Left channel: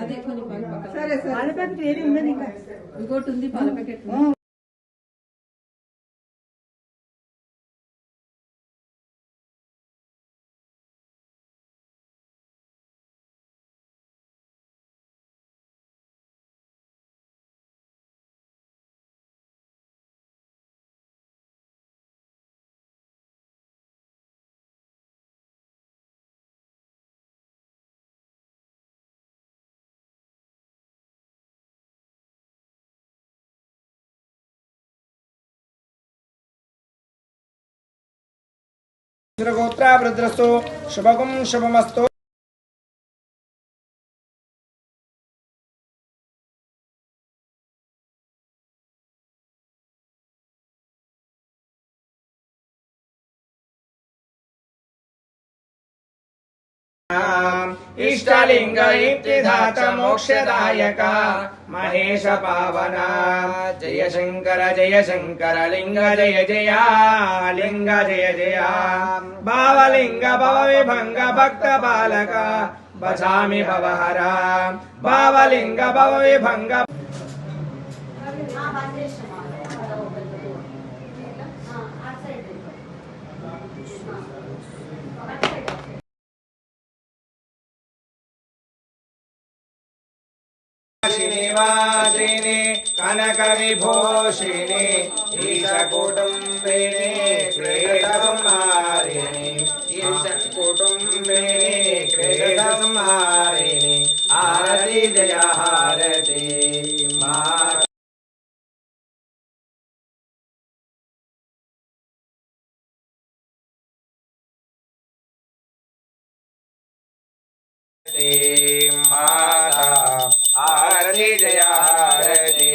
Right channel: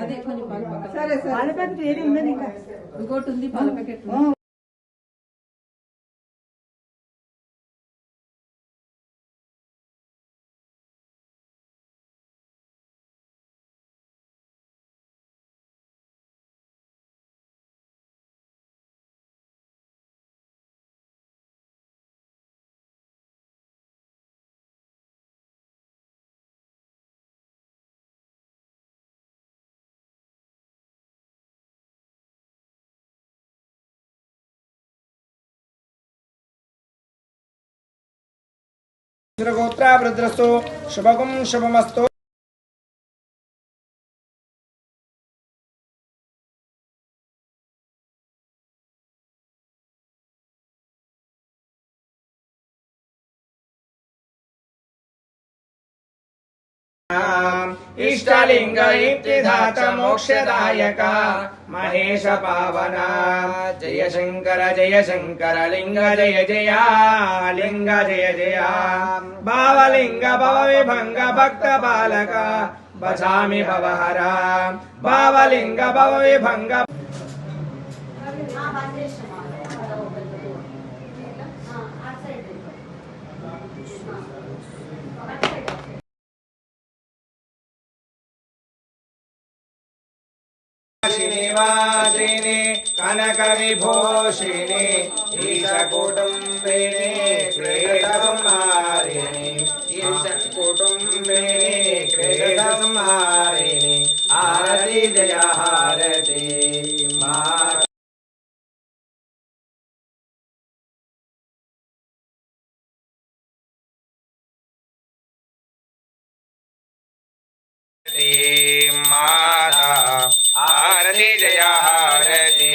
అదే కొంచెం సరే సరే పాల ప్యాకెట్ ఏది ఉందని ఇంకా ఇంకోటి ఉంది పాల ప్యాకెట్. गोत्रावृद्रस्तु शुभगुं शुभमस्तु। इष्टलिंग इप्तिदाता मोक्षदायक महेश पावना जय शंकर लिंग जय जय लिंग जय जय भावलिंग भवविभंग भक्त बालक बचामि भवहरा भावलिंग भवविभंग श्रीनिवासिनी कनक विभूषिणी ईशकुटुम्बिनी क्लेशसंहारिणी ईशकुटुम्बिनी क्लेशसंहारिणी आरती जय हारती माता आरती जय हारती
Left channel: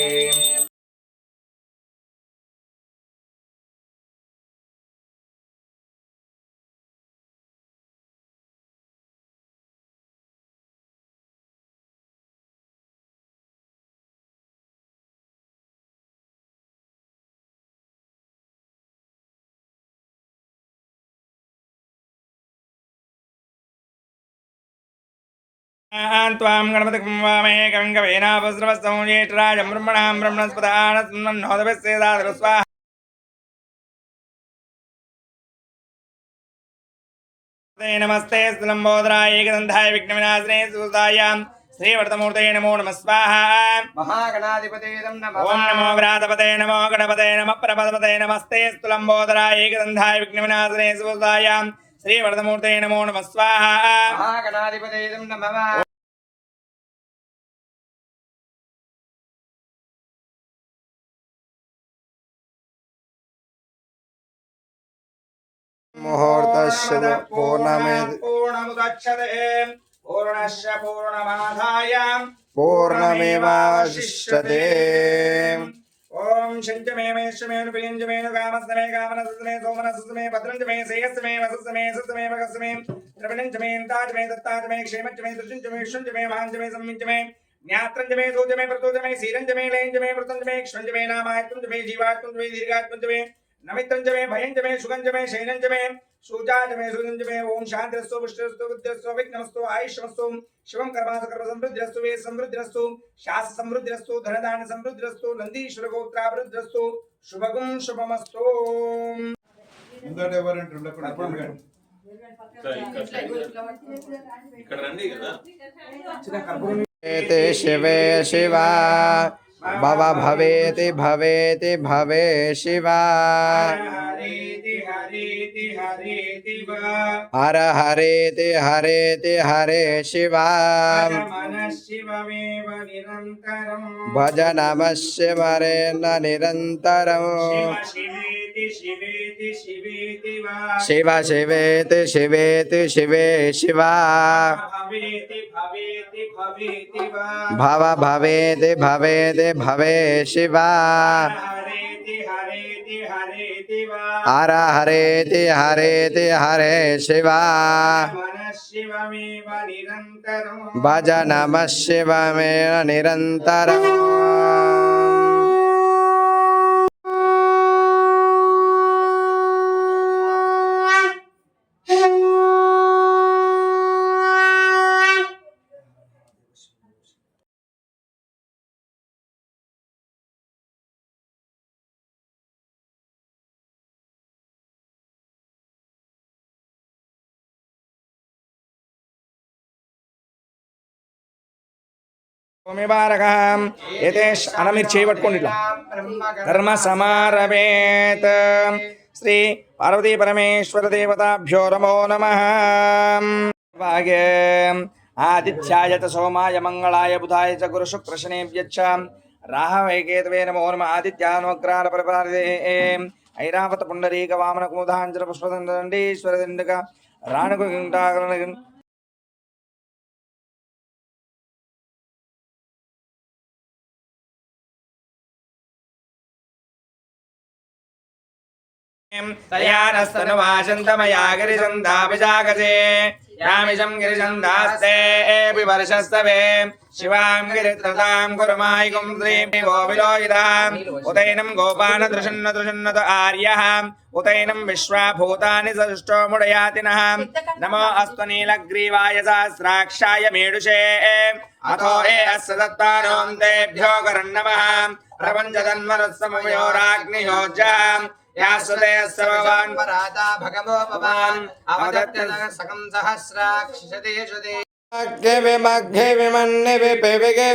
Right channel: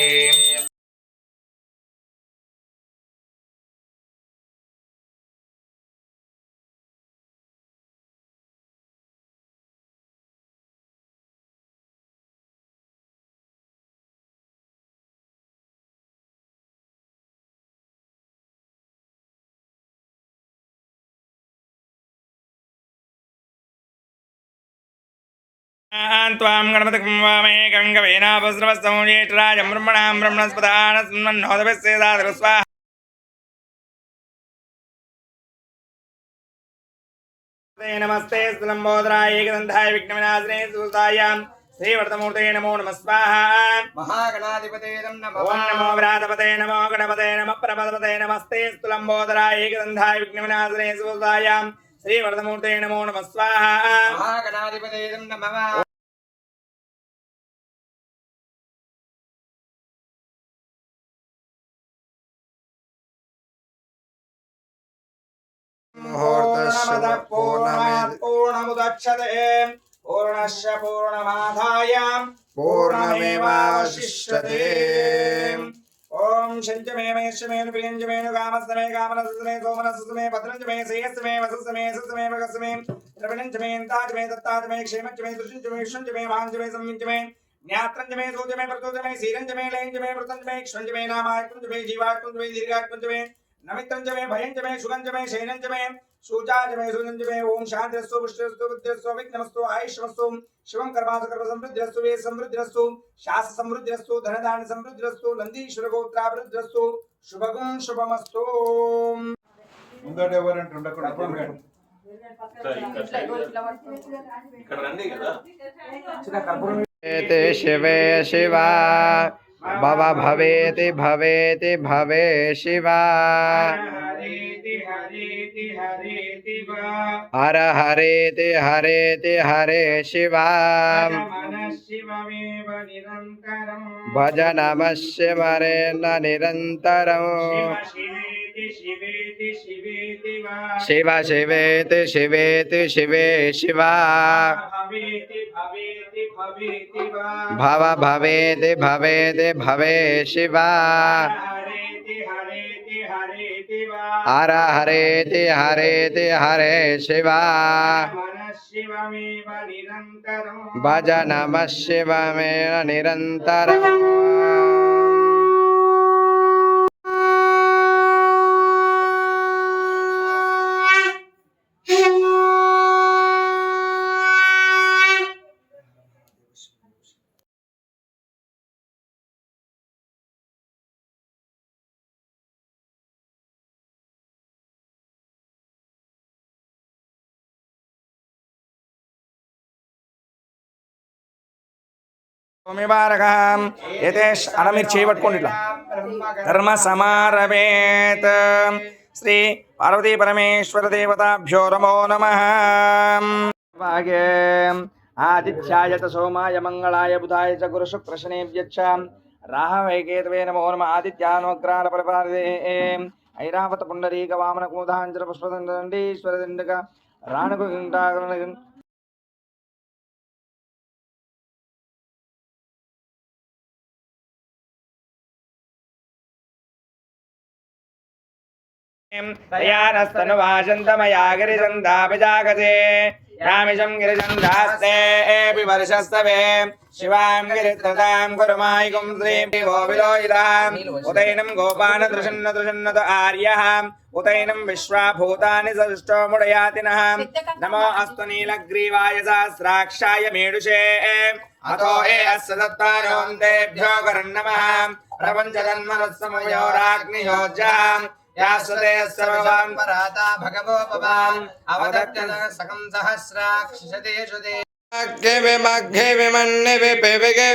त्वां गणपतिं वामहे गङ्गवेनापस्रवस्तौ ज्येष्ठराजं ब्रह्मणां ब्रह्मणस्पदानस्मन्नोदभिस्सेदादरु स्वाहा। नमस्ते लंबोदराय एकदंताय विघ्नविनाशने सुतायां श्रीवर्तमूर्तये नमो नमः स्वाहा। महागणाधिपते नमः। ओम नमो व्रातपते नमो गणपते नमः प्रपदपते नमस्ते लंबोदराय एकदंताय विघ्नविनाशने सुतायां श्रीवर्तमूर्तये नमो नमः स्वाहा। महागणाधिपते नमः। मुहूर्तस्य पूर्णमुदच्यते पूर्णस्य पूर्णमादाय पूर्णमेवावशिष्यते। ओम शंचमे मेषमे प्रियंजमे कामस्तमे कामनसमे सोमनसमे भद्रंजमे श्रेयस्मे वसुस्मे सस्मे मगस्मे द्रविणंजमे ताजमे दत्ताजमे क्षेमंजमे दुष्टंजमे शुंजमे वांजमे संविंजमे ज्ञात्रंजमे दूजमे प्रतोजमे सीरंजमे लयंजमे प्रतंजमे क्षंजमे नामायतंजमे जीवायतंजमे दीर्घायतंजमे नमित्रंजमे भयंजमे सुगंजमे शैनंजमे सुजाजमे सुगंजमे ओम शांतिरस्तु पुष्टिरस्तु बुद्धिरस्तु विघ्नमस्तु आयुष्यमस्तु शिवं कर्मासु कर्म समृद्धिरस्तु वे समृद्धिरस्तु शास्त्र समृद्धिरस्तु धनधान्य समृद्धिरस्तु नंदीश्वर गोत्राभिवृद्धिरस्तु शुभगुं शुभमस्तु। ముందట ఎవరంటే ఉండకూడదు ఇక్కడ రండి కదా शिवे शिवा भव भवेति भवेति भवे शिवा हर हरेति हरेति हरे शिवा भज नमः शिवरेण निरन्तरम् शिव शिवेति शिवेति शिवे शिवा भव भवेति भवेति भवे शिवा हर हरेति हरेति हरे शिवा भज नमः शिवमेव निरन्तरम्। ఓమిబారకం యతేష్ అనమిర్ చేయబట్టుకోండి ఇట్లా కర్మ సమారవేత్ శ్రీ పార్వతీ పరమేశ్వర దేవతాభ్యో నమో నమః భాగే ఆదిత్యాయ చ సోమాయ మంగళాయ బుధాయ చ గురు శుక్ర శనేభ్యశ్చ రాహవే కేతవే నమో నమః ఆదిత్యానుగ్రహార పరిపాలదే ఐరావత పుండరీక వామన కుముదాంజల పుష్పదండీశ్వర దండక రాణకు तयानस्तनुवाचन्तमया गिरिचन्दाभिजागजे यामिजं गिरिचन्दास्ते एपि वर्षस्तवे शिवां गिरित्रतां कुर्मायिकुं श्रीं विलोहिताम् उदैनं गोपानदृशन्नदृशन्नत आर्यः उदैनं विश्वाभूतानि सृष्टो मुडयातिनः नमो अस्तु नीलग्रीवाय सहस्राक्षाय मेडुषे अतो ये अस्य दत्तारों तेभ्यो करन्नमः प्रपञ्चजन्मरत्समयोराग्नियोज्जाम् यासुते सर्ववान् पराता भगवो भवान् अवदत्त सकं सहस्राक्षिषतेषुते मग्गे विमन्ने विपेविगे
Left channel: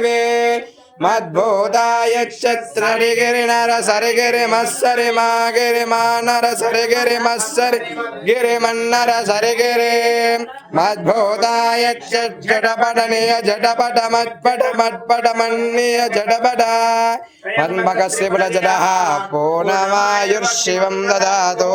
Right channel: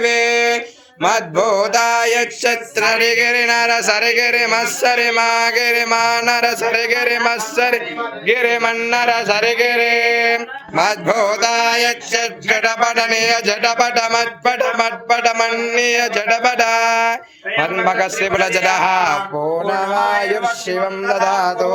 मद्भूताय क्षत्ररिगिरि नर सरिगिरि मत्सरि मागिरि मानर सरिगिरि मत्सरि गिरि मन्नर सरिगिरि मद्भूताय जडपटनीय जडपट मट्पट मन्नीय जडपट मन्मकस्य बलजडः पूर्णमायुर्शिवं ददातु।